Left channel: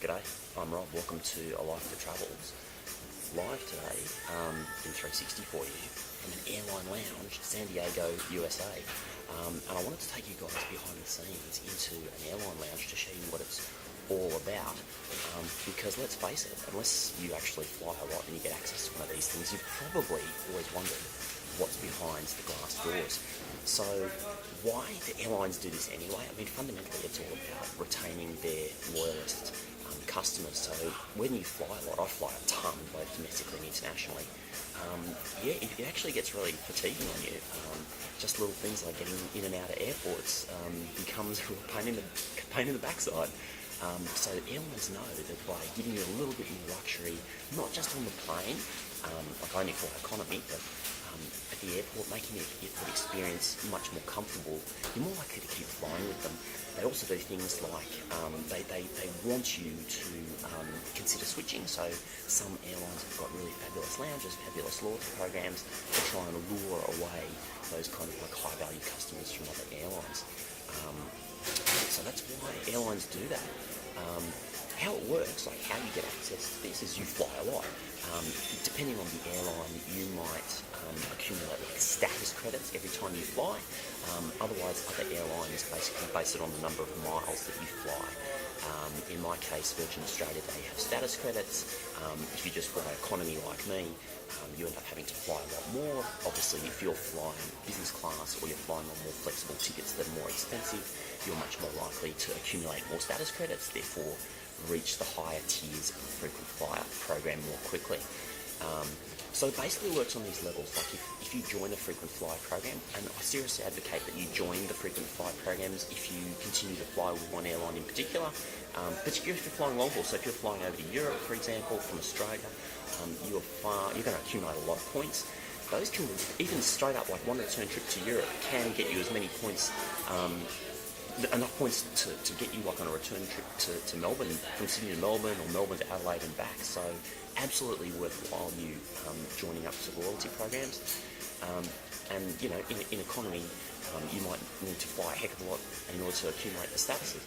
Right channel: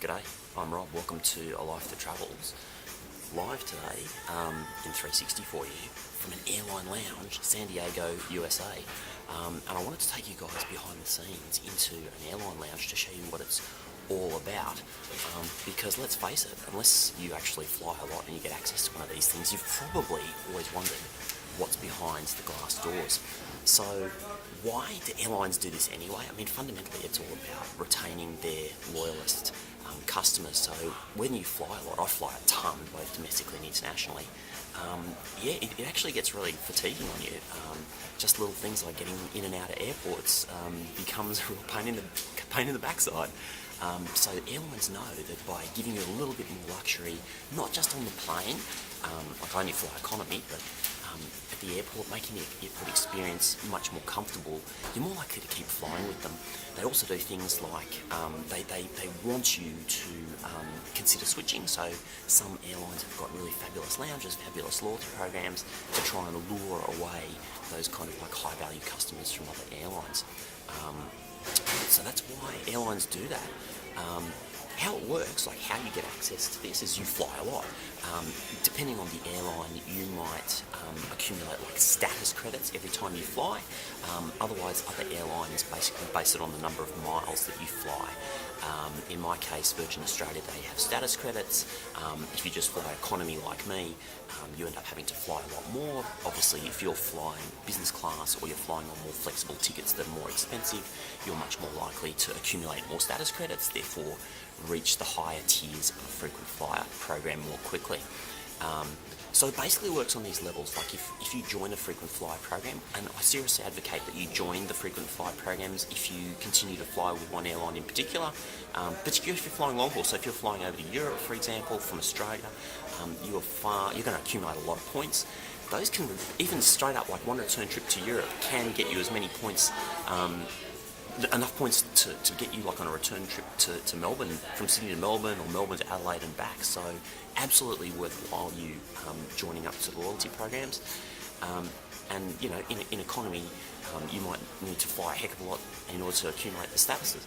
G'day, I'm Rob. Welcome to A Life That Travels. Live today in 360 for you from an Airline lounge, San Diego, USA. And I wanted to take you guys behind the scenes into an airline lounge to show you what it's all about. Because let's face it, unless you actually fly a lot and you get access to one of these things, you've probably always wondered what's behind the glass doors. So why do airlines do this anyway? I mean, fundamentally it's all about retaining their loyalist customers. So when you fly a lot, I fly a ton, both domestically and internationally, it actually gets really fatiguing on you. Just little things like getting in and out of airports becomes a pain in the backside. So airlines know that by giving you a little bit more luxury, not just on the plane, like I only fly economy, but at the airport, making the airport experience much more comfortable, you're more likely to keep flying with them. They also do things like they want you to consider switching. So some airlines have got really fabulous lounges, fabulous loyalty programs to try and lure away those kind of like high value customers from other airlines. So that's why airlines do that. How it works, like how you get access to this, is you fly a lot. Depending on the airline, you might accumulate like status credits every time you fly. Otherwise, other airlines basically base it on the number of miles that you fly. In my case, Virgin Australia, they have status credits. If you just fly economy like me, you end up having to fly a lot more. Obviously, if you're flying business class or you're flying on more flexible tickets that are more expensive, you're much more likely to accumulate more status credits, therefore reach the higher tiers of the frequent flyer program more quickly. So it basically works on these levels. Like if you join a frequent flyer program, and I seriously advocate that you join the frequent flyer programs if you continue to fly with one airline in particular, particularly if you're flying long haul. So if you're flying over to Europe, for example, from Australia, you're going to accumulate a lot of points. Those can, even straight up, like one return trip to Europe can get you as many points, enough points to get you like on a return trip to Melbourne, from Sydney to Melbourne or Melbourne to Adelaide and back. So absolutely worthwhile you joining up to the loyalty programs. And you know, in economy, you might need to fly a heck of a lot in order to accumulate the statuses,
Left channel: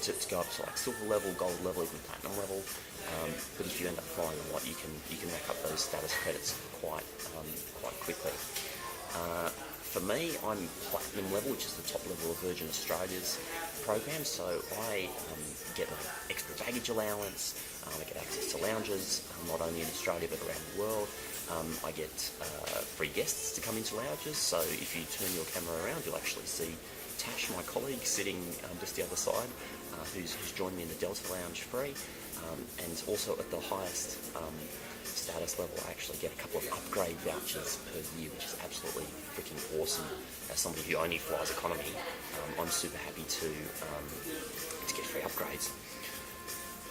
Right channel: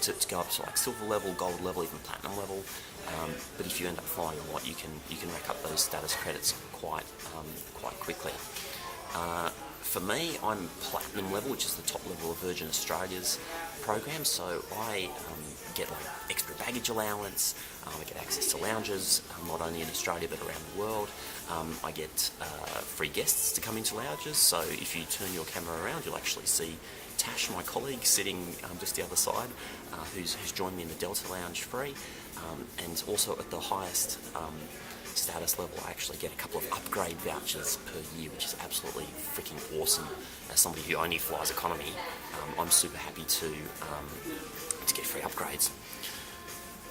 to go up to like silver level, gold level, even platinum level. But if you end up flying a lot, you can rack up those status credits quite quickly. For me, I'm platinum level, which is the top level of Virgin Australia's program, so I get like extra baggage allowance, I get access to lounges, not only in Australia but around the world. I get free guests to come into lounges, so if you turn your camera around, you'll actually see Tash, my colleague, sitting just the other side, who's joined me in the Delta Lounge free, and also at the highest status level, I actually get a couple of upgrade vouchers per year, which is absolutely freaking awesome. As somebody who only flies economy, I'm super happy to get free upgrades.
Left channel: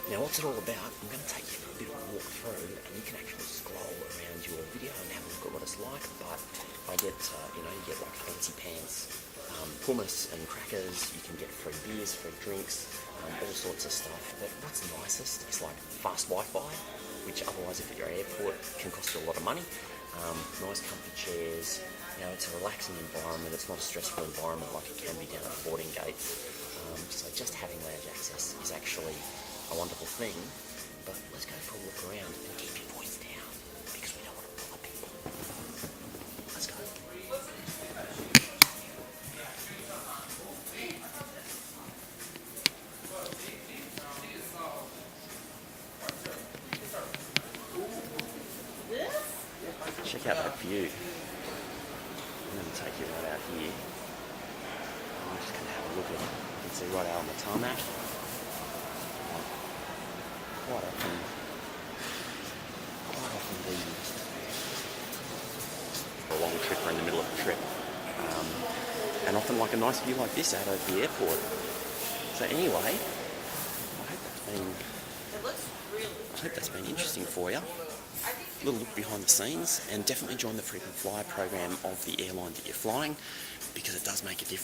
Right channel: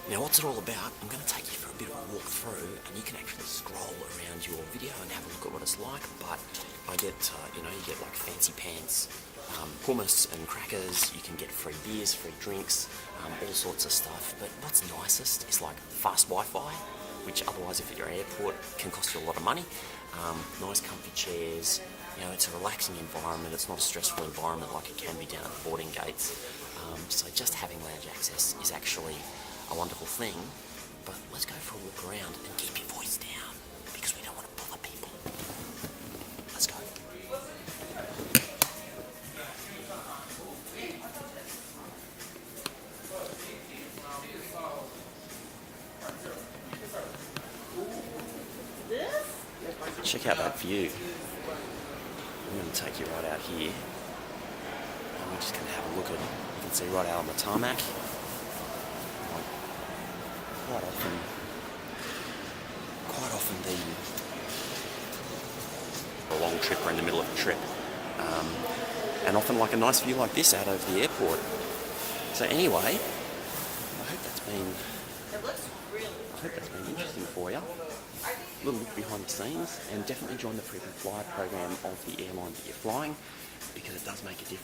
Now, what's it all about? I'm going to take you for a bit of a walk through, and you can actually scroll around your video and have a look at what it's like. But I get, you get like fancy pants, hummus and crackers. You can get free beers, free drinks, all sorts of stuff. But what's nicest is like fast Wi-Fi, which otherwise, if at your airport, can cost you a lot of money. Nice comfy chairs. It's a relaxing environment. It's not a stressful environment like it can be down at the boarding gates. So just having lounge access is actually a wonderful thing. But let's go for a walk around and keep your voice down, because we don't want to bother people. Let's go. Check out that view. I'm going to take you right out here. I'm just going to have a look at it. You can see right out on the tarmac. Quite often a long trip or in the middle of a trip. And often like a nice view like this out over the airport. So anyway, I hope that's been interesting for you. A little look behind the scenes, and definitely join the frequent flyer program of the airline that you're flying, because it does make a difference.